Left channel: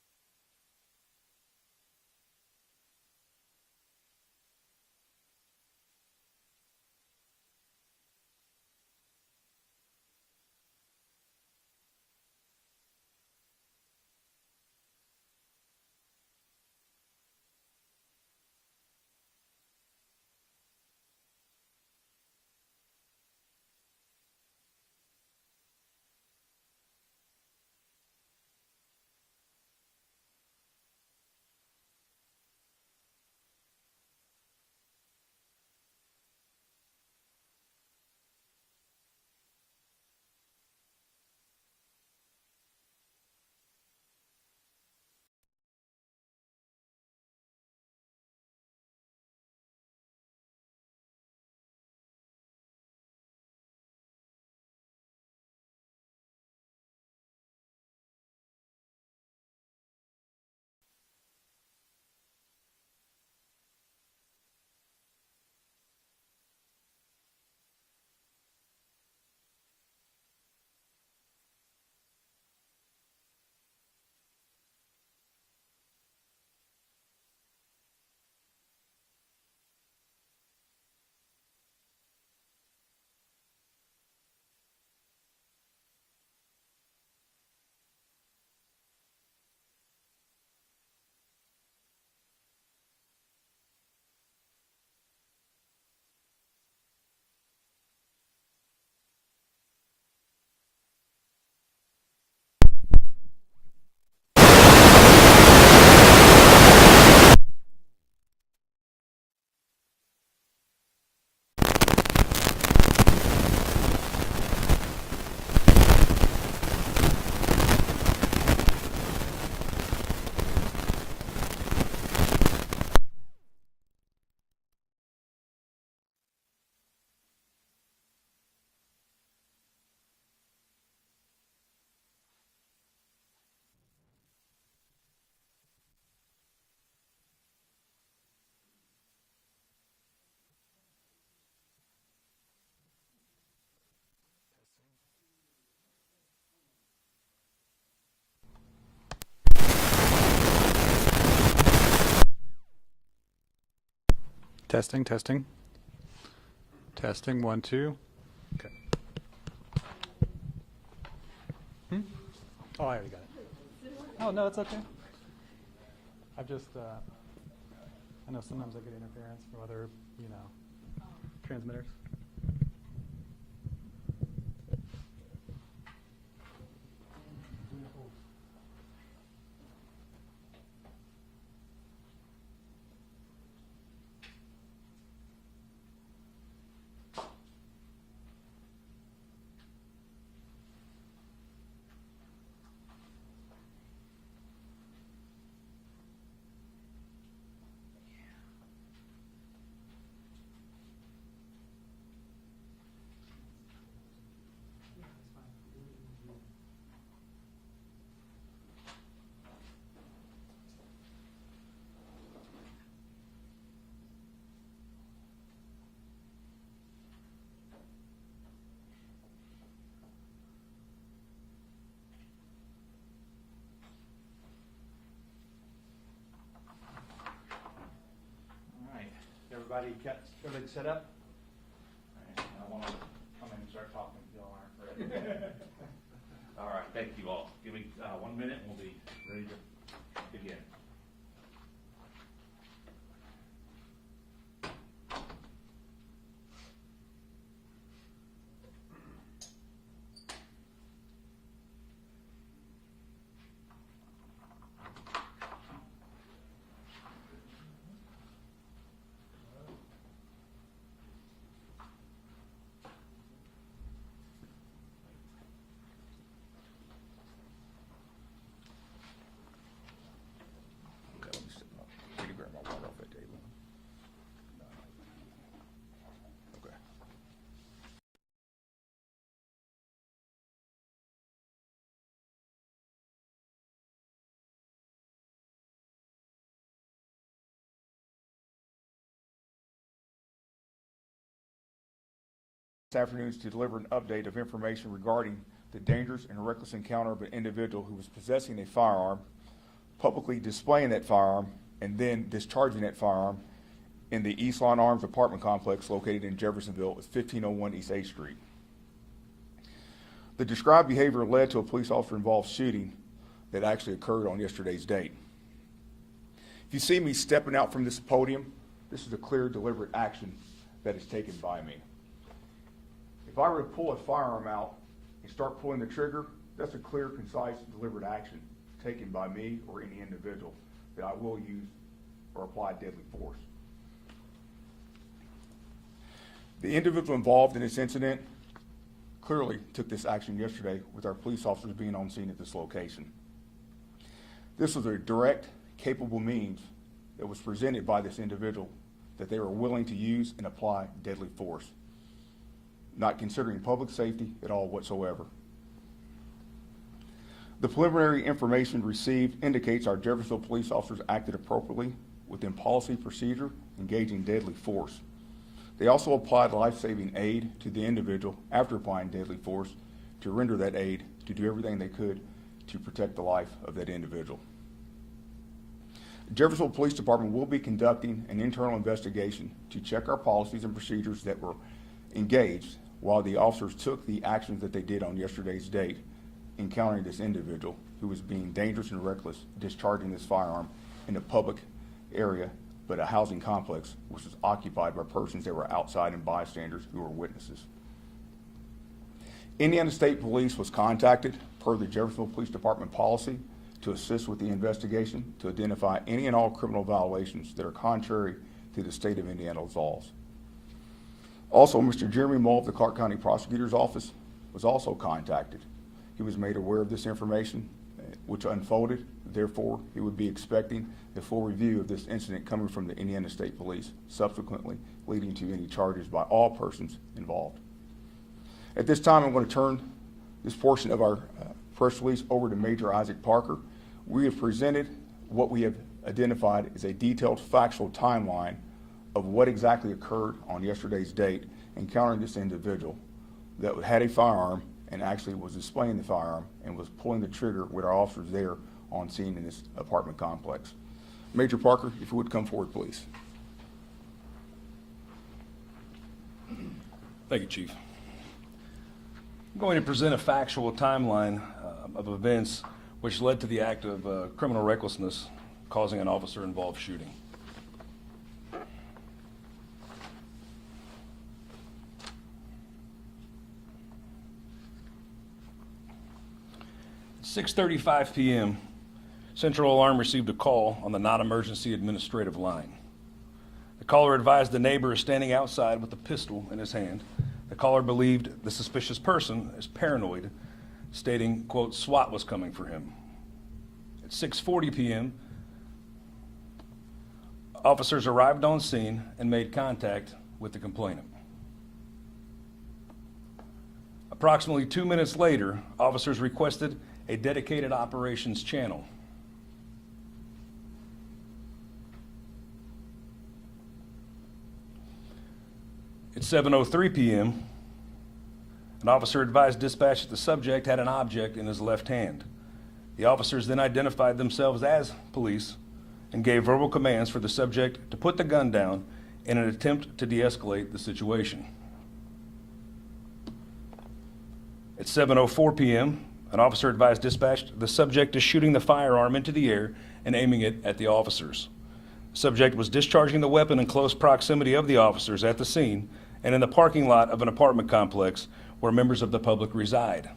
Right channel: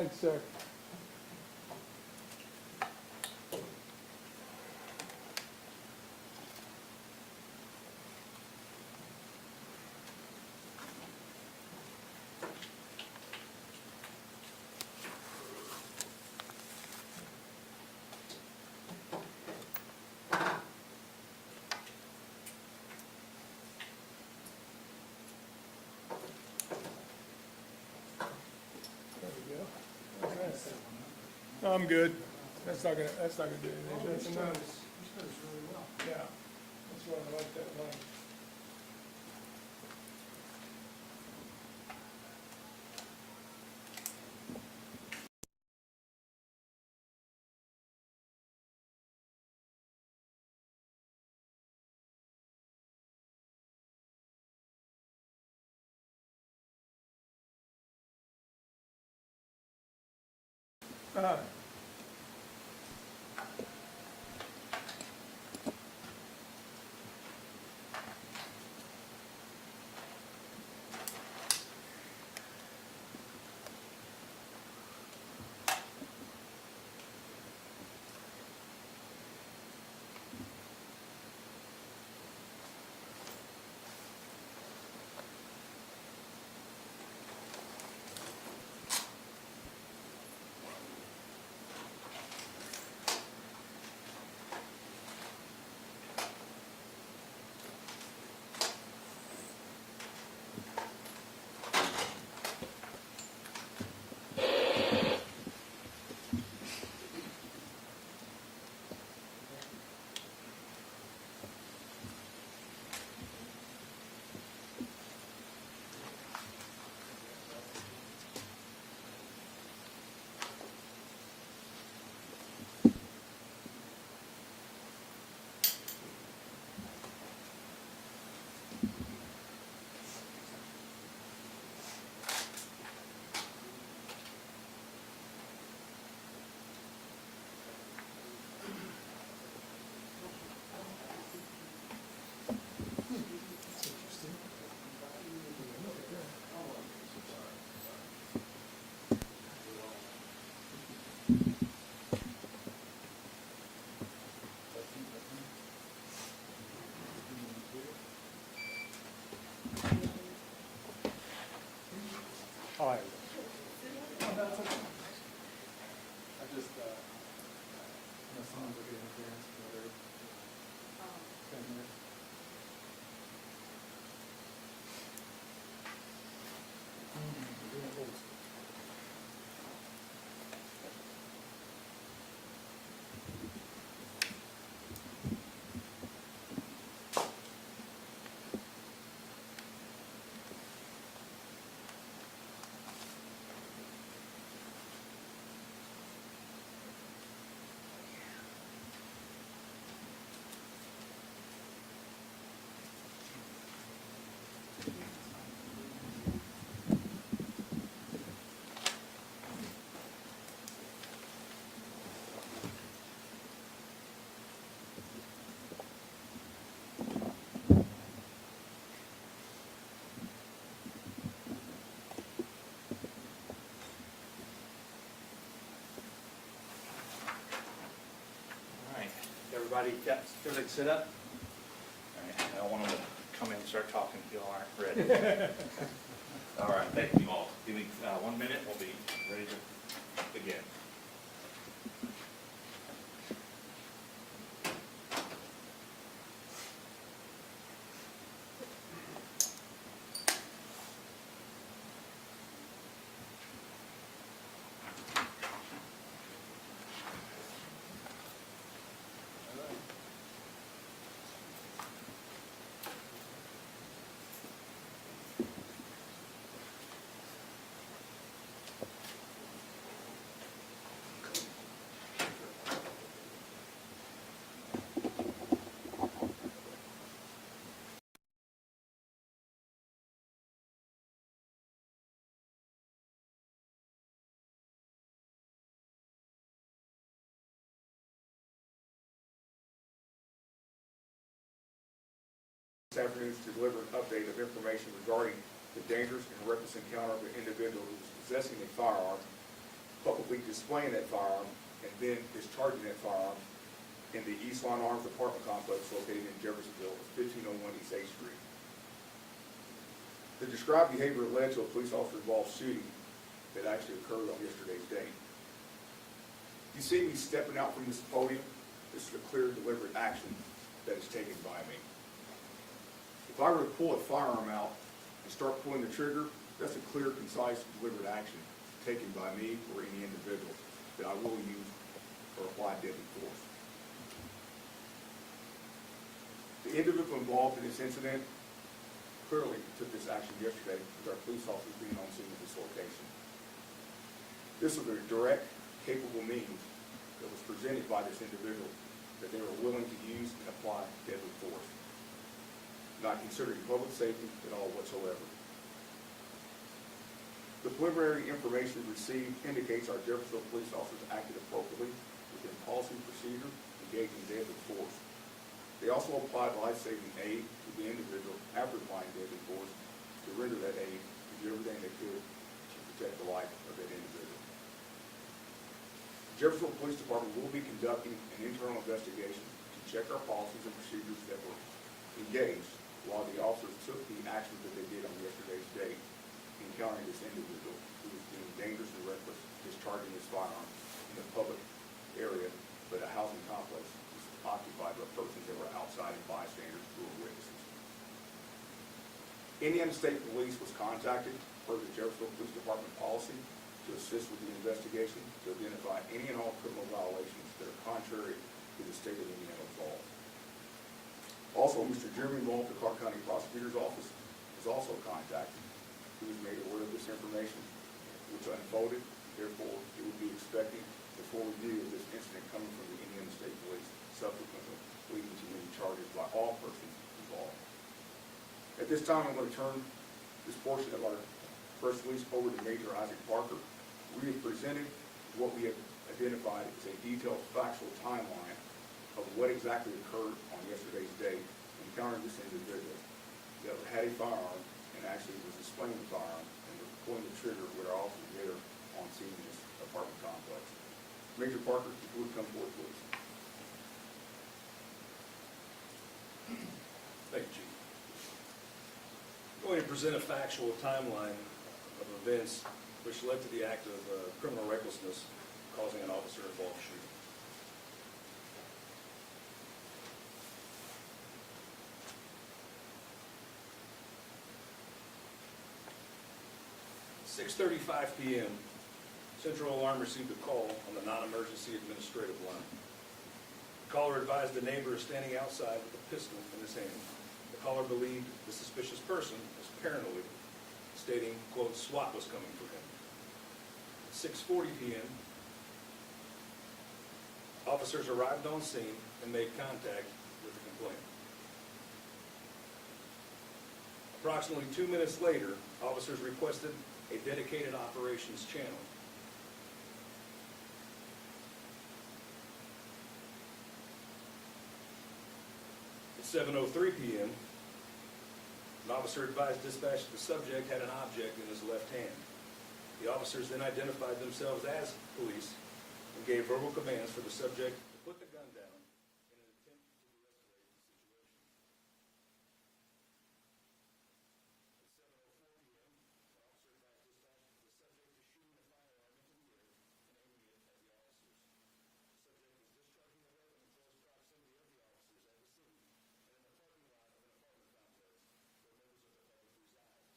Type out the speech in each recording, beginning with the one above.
Thanks, sir. There we go. I'm good. That's not gonna do anything. That's enough. Yeah, that's why I like that line. Uh, Testing, testing. Testing, 1, 2. Okay. Oh, there we go. Oh, no, it's okay. I just, I know sometimes I get interference from other, transmitters. Everybody got everything set up? All right, I don't want them to come in and start talking if you all aren't ready. All right, thank you all. Give me 1 minute, we'll be ready to begin. This afternoon to deliver an update of information regarding the dangerous and reckless encounter of an individual who was possessing a firearm publicly displaying that firearm and then discharging that firearm in the East Lawn Arms apartment complex located in Jeffersonville, 1501 East 8th Street. The described behavior led to a police officer involved shooting that actually occurred on yesterday's date. If you see me stepping out from this podium, this is a clear, deliberate action that is taken by me. If I were to pull a firearm out and start pulling the trigger, that's a clear, concise, deliberate action taken by me or any individual that I will use or apply deadly force. The individual involved in this incident clearly took this action yesterday with our police officers being on scene at this location. This was a direct, capable means that was presented by this individual that they were willing to use and apply deadly force, not considering public safety at all whatsoever. The preliminary information received indicates our Jeffersonville police officers acted appropriately within policy procedure, engaging deadly force. They also applied life-saving aid to the individual after applying deadly force to render that aid to do everything they could to protect the life of that individual. The Jeffersonville Police Department will be conducting an internal investigation to check our policies and procedures that were engaged while the officers took the actions that they did on yesterday's date, encountering this individual who was being dangerous and reckless, discharging his firearm in a public area, but a housing complex which was occupied by persons that were outside and bystanders who were witnesses. Indiana State Police was contacted per the Jeffersonville Police Department policy to assist with the investigation to identify any and all criminal violations that are contrary to the state of Indiana's laws. Also, Mr. Jeremy Mull of the Clark County Prosecutor's Office was also contacted. He was made aware of this information, which unfolded. Therefore, he would be expecting the full review of this incident coming from the Indiana State Police, subsequently leading to any charges by all persons involved. At this time, I'm going to turn this portion of our press release over to Major Isaac Parker. We have presented what we have identified as a detailed factual timeline of what exactly occurred on yesterday's date, encountering this individual that had a firearm and actually was displaying the firearm and was pulling the trigger with our officers there on scene in this apartment complex. Major Parker, if you would come forward, please. Thank you, Chief. I'm going to present a factual timeline of events which led to the act of criminal recklessness causing an officer-involved shooting. At 6:35 p.m., Central Alarm received a call on the non-emergency administrative line. The caller advised the neighbor is standing outside with a pistol in his hand. The caller believed the suspicious person is paranoid, stating, quote, SWAT was coming for him. At 6:40 p.m., officers arrived on scene and made contact with the complainant. Approximately 2 minutes later, officers requested a dedicated operations channel. At 7:03 p.m., an officer advised dispatch that the subject had an object in his left hand. The officers then identified themselves as police and gave verbal commands for the subject to put the gun down in an attempt to de-escalate the situation. At 7:04 p.m., an officer advised dispatch the subject is shooting the firearm into the air and aiming it at the officers. The subject was discharging the weapon in close proximity of the officers at the scene and in the parking lot of an apartment complex where members of the public reside.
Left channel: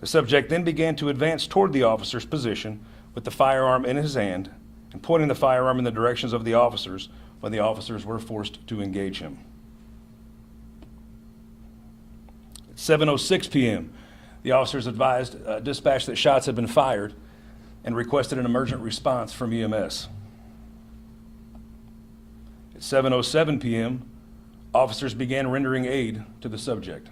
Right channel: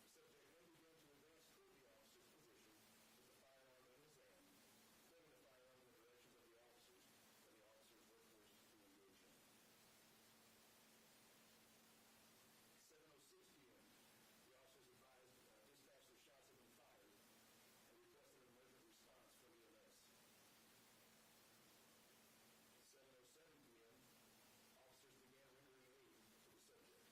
The subject then began to advance toward the officer's position with the firearm in his hand and pointing the firearm in the directions of the officers when the officers were forced to engage him. At 7:06 p.m., the officers advised dispatch that shots had been fired and requested an emergent response from EMS. At 7:07 p.m., officers began rendering aid to the subject.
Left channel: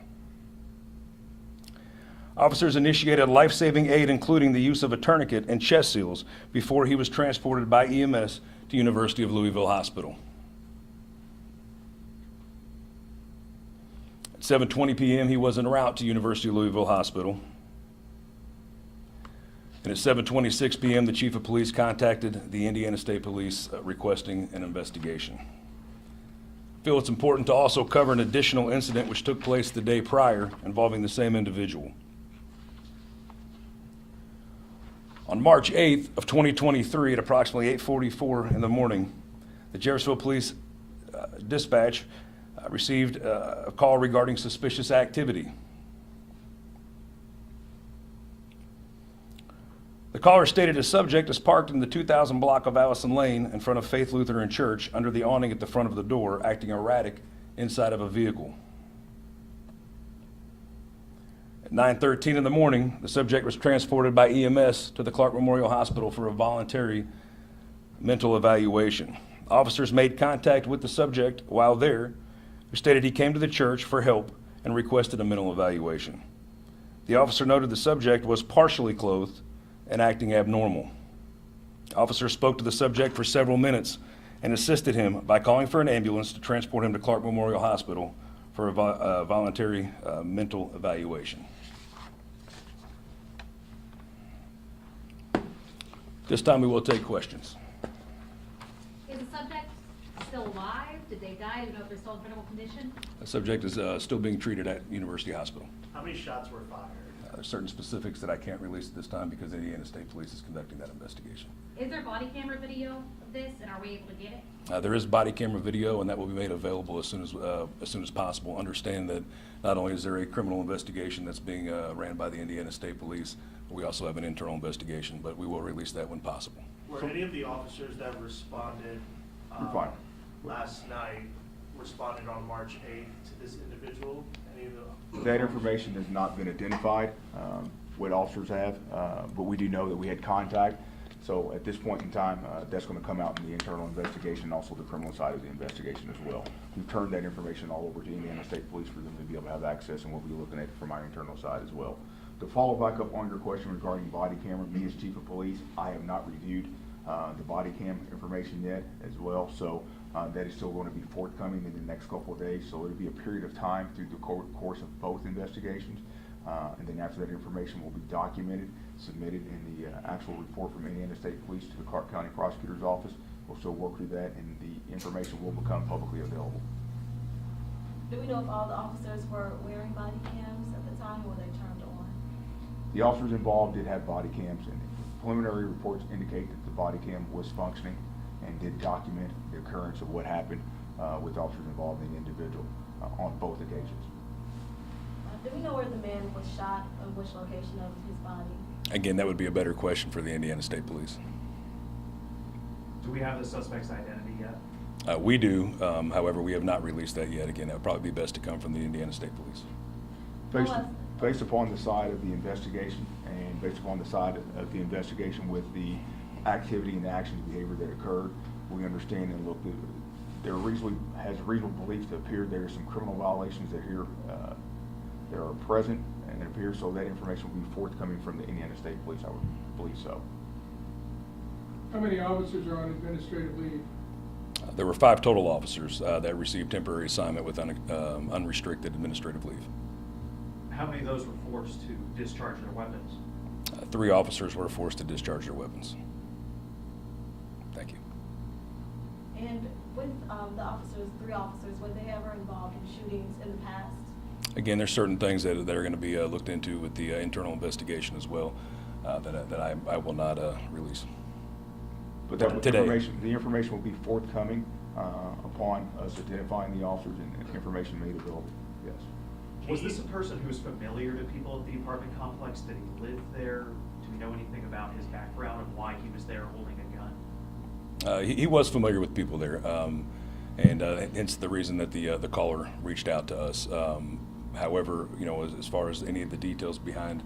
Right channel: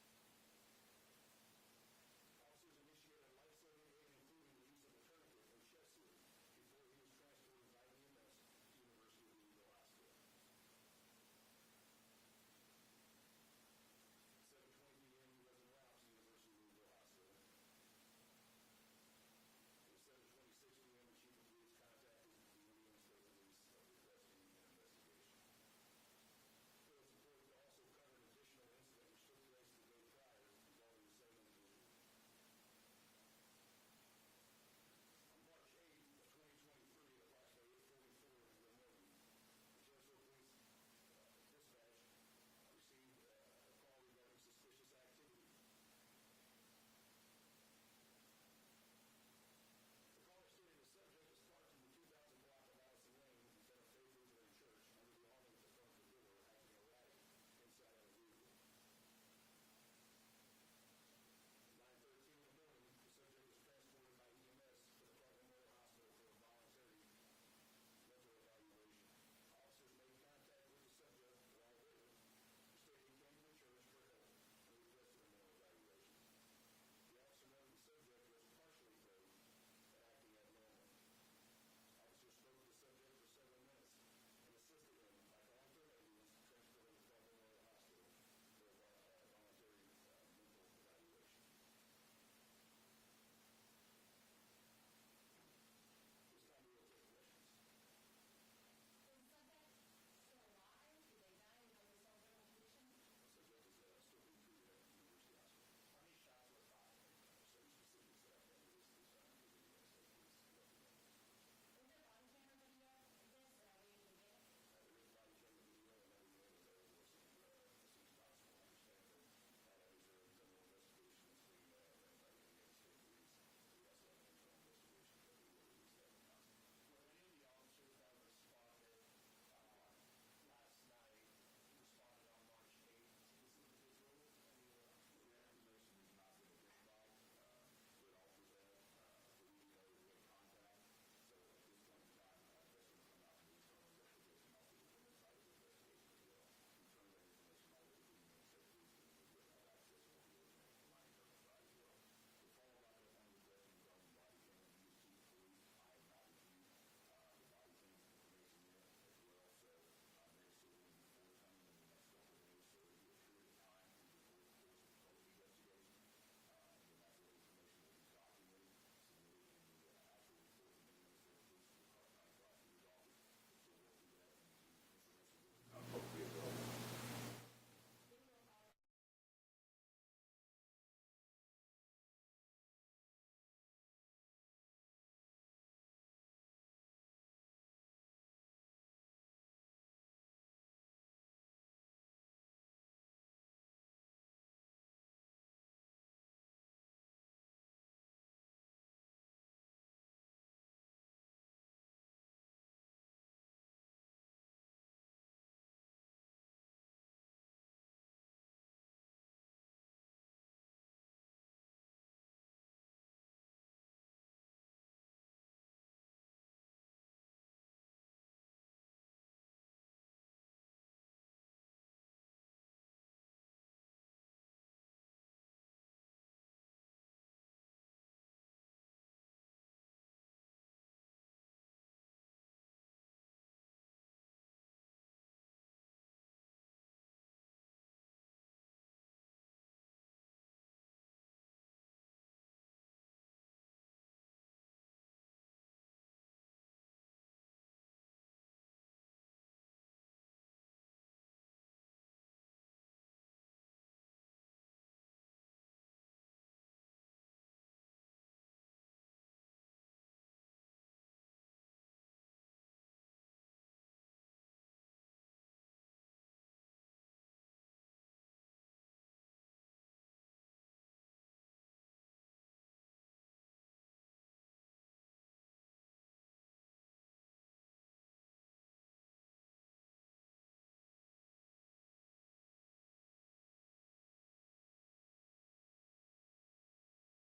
Officers initiated life-saving aid, including the use of a tourniquet and chest seals, before he was transported by EMS to University of Louisville Hospital. At 7:20 p.m., he was en route to University of Louisville Hospital. And at 7:26 p.m., the chief of police contacted the Indiana State Police requesting an investigation. I feel it's important to also cover an additional incident which took place the day prior involving the same individual. On March 8th of 2023 at approximately 8:44 in the morning, the Jeffersonville Police dispatch received a call regarding suspicious activity. The caller stated a subject is parked in the 2000 block of Allison Lane in front of Faith Lutheran Church under the awning at the front of the door, acting erratic inside of a vehicle. At 9:13 in the morning, the subject was transported by EMS to the Clark Memorial Hospital for a voluntary mental evaluation. Officers made contact with the subject while there, who stated he came to the church for help and requested a mental evaluation. The officer noted the subject was partially clothed and acting abnormal. Officers spoke to the subject for several minutes and assisted him by calling for an ambulance to transport him to Clark Memorial Hospital for a voluntary mental evaluation. This time we will take questions. Is the subject still alive? Did they die? Do you know if they're still in critical condition? The subject is still being treated at University Hospital. How many shots were fired? There's certain specifics that I can't release at this time because Indiana State Police is conducting that investigation. Is there body camera video of this, and are we able to get it? There is body camera video, and that will be made available as soon as possible. Understand that not only is there a criminal investigation that's being ran by the Indiana State Police, but we also have an internal investigation, but we will release that when possible. Were any of the officers that responded You're fine. last night responded on March 8th to this individual? Any of the That information has not been identified, what officers have, but we do know that we had contact. So at this point in time, that's going to come out in the internal investigation, also the criminal side of the investigation as well. We've turned that information all over to Indiana State Police for them to be able to have access, and we'll be looking at it from our internal side as well. To follow back up on your question regarding body camera, me as chief of police, I have not reviewed the body cam information yet as well. So that is still going to be forthcoming in the next couple of days. So it'll be a period of time through the course of both investigations. And then after that information will be documented, submitted in the actual report from Indiana State Police to the Clark County Prosecutor's Office. We'll still work through that, and the information will become publicly available. Do we know if all the officers were wearing body cams at the time, or were they turned on? The officers involved did have body cams, and preliminary reports indicate that the body cam was functioning and did document the occurrence of what happened with officers involved in the individual on both occasions. Do we know where the man was shot, or which location of his body? Again, that would be a better question for the Indiana State Police. Do we have the suspect's identity yet? We do, however, we have not released that yet. Again, that would probably be best to come from the Indiana State Police. Based upon the side of the investigation and based upon the side of the investigation with the activity and actions behavior that occurred, we understand and look, there has reasonable belief to appear there are some criminal violations that that are present, and it appears so that information will be forthcoming from the Indiana State Police, I would believe so. How many officers are on administrative leave? There were 5 total officers that received temporary assignment with unrestricted administrative leave. How many of those were forced to discharge their weapons? 3 officers were forced to discharge their weapons. Thank you. And with the officers, 3 officers, were they ever involved in shootings in the past? Again, there's certain things that are going to be looked into with the internal investigation as well that I will not release. But that Today. the information will be forthcoming upon us identifying the officers and information made available, yes. Was this a person who was familiar to people at the apartment complex? Did he live there? Do we know anything about his background and why he was there holding a gun? He was familiar with people there, and hence the reason that the caller reached out to us. However, you know, as far as any of the details behind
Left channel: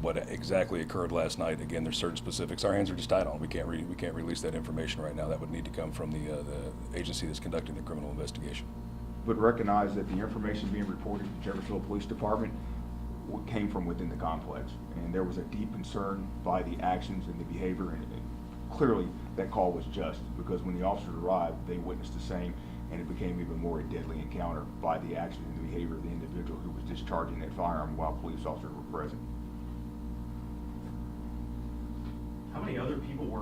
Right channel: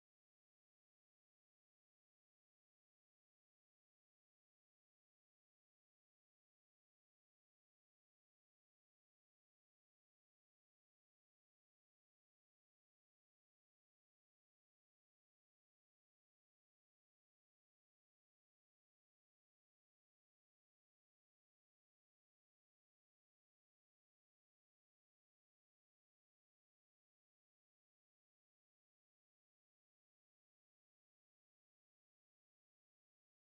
what exactly occurred last night, again, there's certain specifics our hands are just tied on. We can't release that information right now. That would need to come from the agency that's conducting the criminal investigation. But recognize that the information being reported to Jeffersonville Police Department came from within the complex, and there was a deep concern by the actions and the behavior, and clearly that call was just, because when the officers arrived, they witnessed the same, and it became even more a deadly encounter by the actions and the behavior of the individual who was discharging that firearm while police officers were present.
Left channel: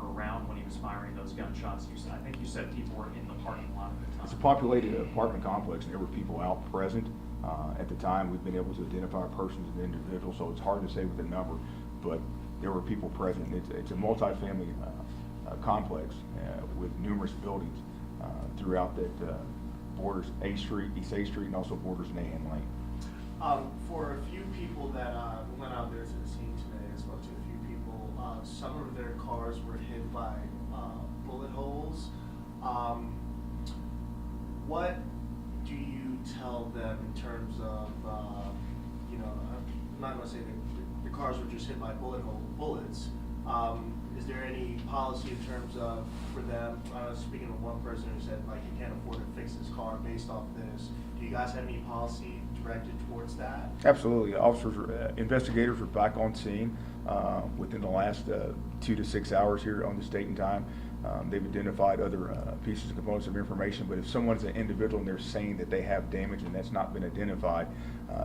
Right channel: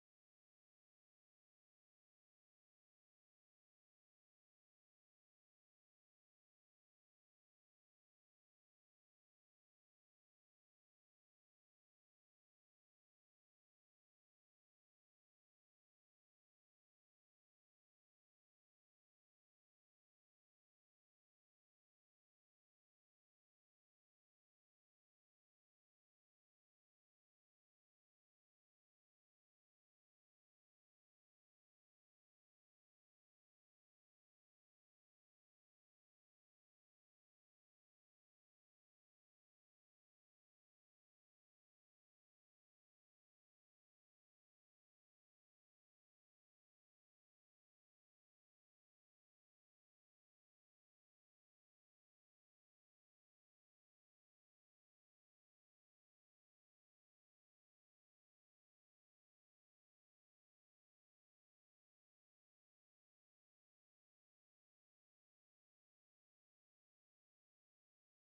weren't around when he was firing those gunshots. I think you said people were in the parking lot at the time. It's a populated apartment complex, and there were people out present. At the time, we've been able to identify persons and individuals, so it's hard to say with a number, but there were people present. It's a multifamily complex with numerous buildings throughout that borders A Street, East A Street, and also borders Nahan Lane. For a few people that went out there to the scene today, I spoke to a few people, some of their cars were hit by bullet holes. What do you tell them in terms of, you know, I'm not going to say that the cars were just hit by bullets. Is there any policy in terms of, for them, speaking of one person who said, like, he can't afford to fix his car based off this, do you guys have any policy directed towards that? Absolutely. Officers, investigators are back on scene within the last 2 to 6 hours here on the date and time. They've identified other pieces and components of information, but if someone's an individual and they're saying that they have damage and that's not been identified,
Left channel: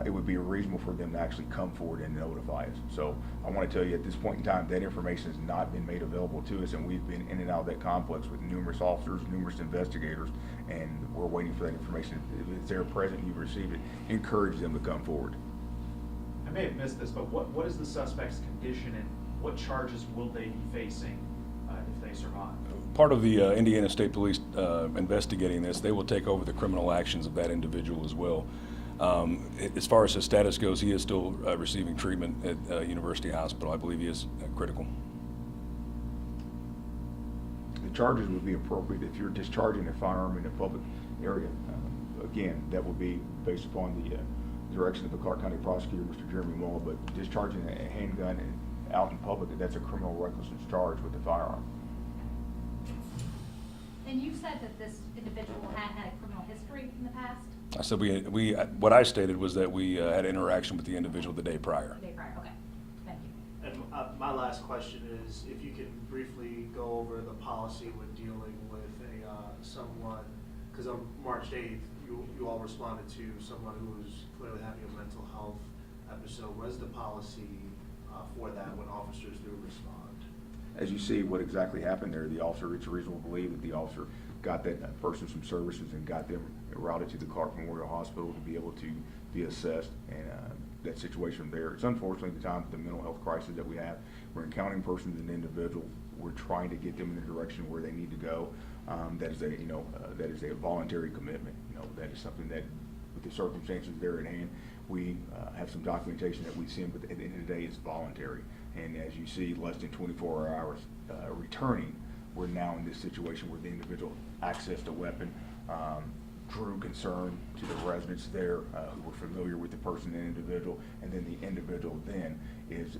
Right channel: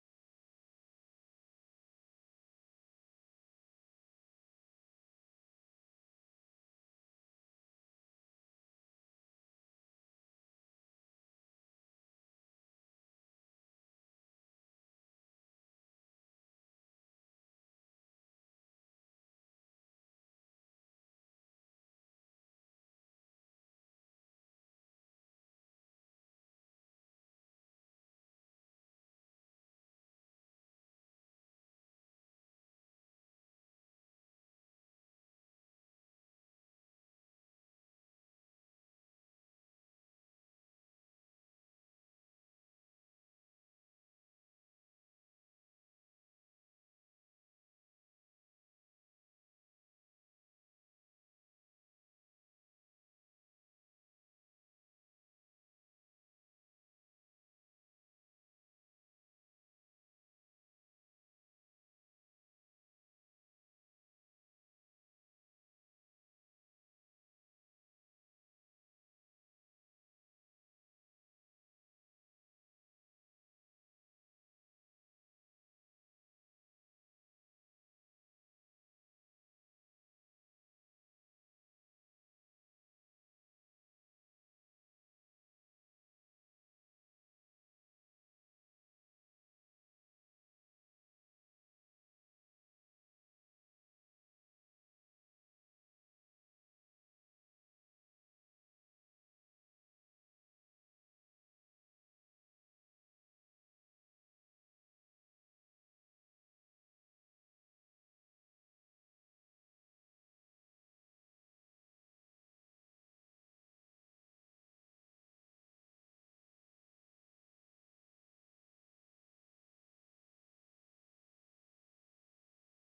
it would be reasonable for them to actually come forward and notify us. So I want to tell you at this point in time, that information has not been made available to us, and we've been in and out of that complex with numerous officers, numerous investigators, and we're waiting for that information. If it's there present, you've received it, encourage them to come forward. I may have missed this, but what is the suspect's condition and what charges will they be facing if they survive? Part of the Indiana State Police investigating this, they will take over the criminal actions of that individual as well. As far as his status goes, he is still receiving treatment at University Hospital. I believe he is critical. The charges would be appropriate if you're discharging a firearm in a public area. Again, that will be based upon the direction of the Clark County prosecutor, Mr. Jeremy Mull, but discharging a handgun out in public, that's a criminal recklessness charge with a firearm. And you said that this individual had a criminal history in the past? I said what I stated was that we had interaction with the individual the day prior. The day prior, okay. Thank you. And my last question is, if you can briefly go over the policy when dealing with someone, because on March 8th, you all responded to someone who was clearly having a mental health episode. What is the policy for that when officers do respond? As you see what exactly happened there, the officer, it's reasonable to believe that the officer got that person some services and got them routed to the Clark Memorial Hospital to be able to be assessed, and that situation there. It's unfortunately the time of the mental health crisis that we have. We're encountering persons and individuals. We're trying to get them in the direction where they need to go. That is a voluntary commitment. That is something that, with the circumstances there at hand, we have some documentation that we send, but at the end of the day, it's voluntary. And as you see, less than 24 hours returning, we're now in this situation where the individual accessed a weapon, drew concern to the residents there who were familiar with the person and individual, and then the individual then is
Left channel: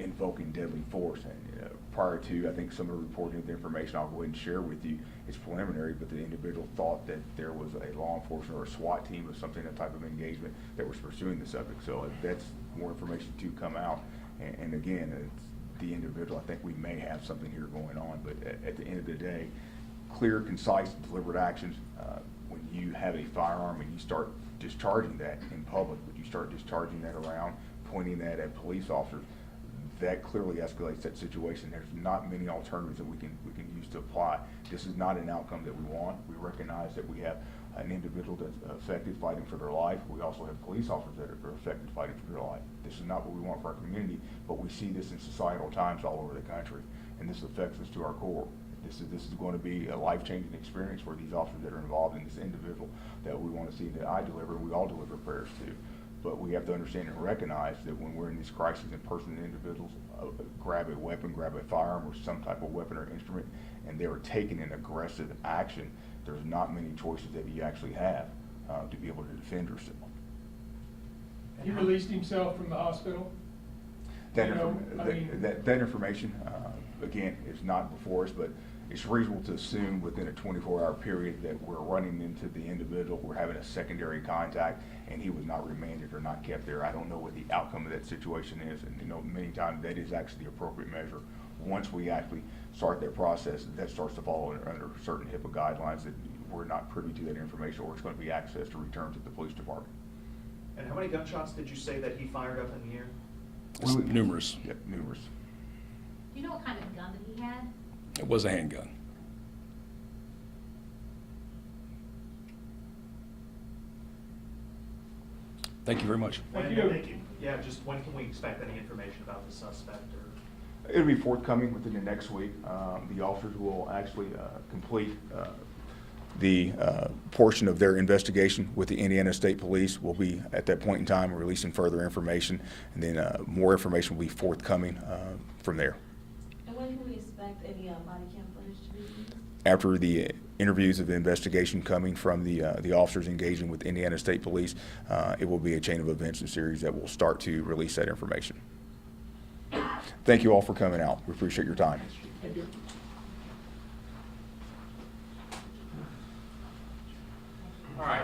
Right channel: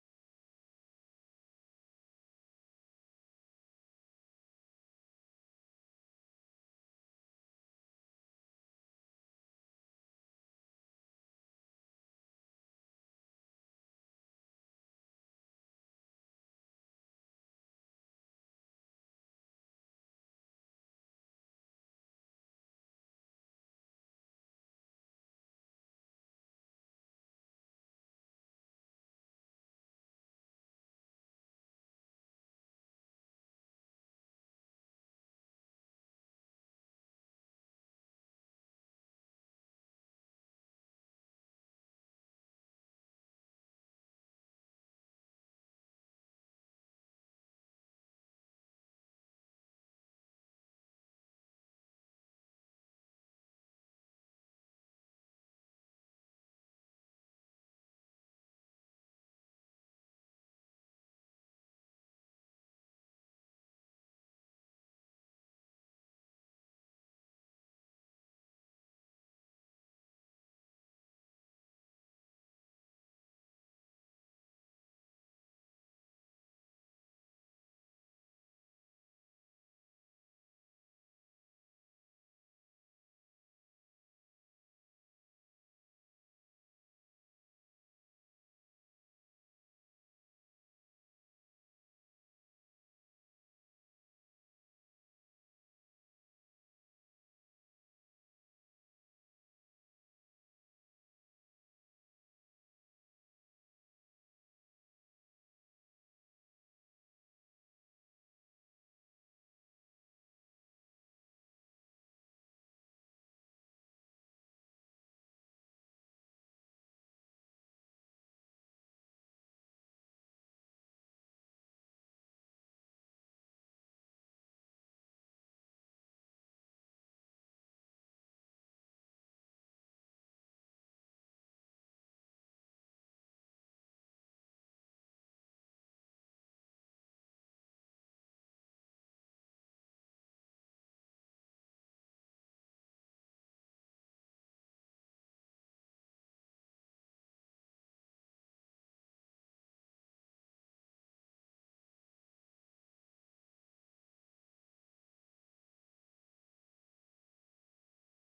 invoking deadly force. And prior to, I think, some of the reporting of the information I'll go ahead and share with you, it's preliminary, but the individual thought that there was a law enforcement or a SWAT team or something, a type of engagement that was pursuing the subject. So that's more information to come out. And again, it's the individual, I think we may have something here going on, but at the end of the day, clear, concise, deliberate actions. When you have a firearm and you start discharging that in public, but you start discharging that around, pointing that at police officers, that clearly escalates that situation. There's not many alternatives that we can use to apply. This is not an outcome that we want. We recognize that we have an individual that's affected fighting for their life. We also have police officers that are affected fighting for their life. This is not what we want for our community, but we see this in societal times all over the country, and this affects us to our core. This is going to be a life-changing experience for these officers that are involved in this individual that we want to see, that I deliver, and we all deliver prayers to. But we have to understand and recognize that when we're in these crises and persons and individuals grab a weapon, grab a firearm or some type of weapon or instrument, and they are taking an aggressive action, there's not many choices that you actually have to be able to defend yourself. He released himself from the hospital? That information, again, is not before us, but it's reasonable to assume within a 24-hour period that we're running into the individual, we're having a secondary contact, and he was not remanded or not kept there. I don't know what the outcome of that situation is, and many times that is actually the appropriate measure. Once we actually start that process, that starts to fall under certain HIPAA guidelines that we're not privy to that information, or it's going to be accessed to return to the police department. And how many gunshots did you say that he fired up in the air? Numerous. Yeah, numerous. Do you know what kind of gun that he had? It was a handgun. Thank you very much. Thank When- you. Thank you. Yeah, just when can we expect any information about the suspect or? It'll be forthcoming within the next week. The officers will actually complete the portion of their investigation with the Indiana State Police. Will be at that point in time releasing further information, and then more information will be forthcoming from there. And when can we expect any body cam footage to be released? After the interviews of the investigation coming from the officers engaging with Indiana State Police, it will be a chain of events and series that will start to release that information. Thank you all for coming out. We appreciate your time. Thank you.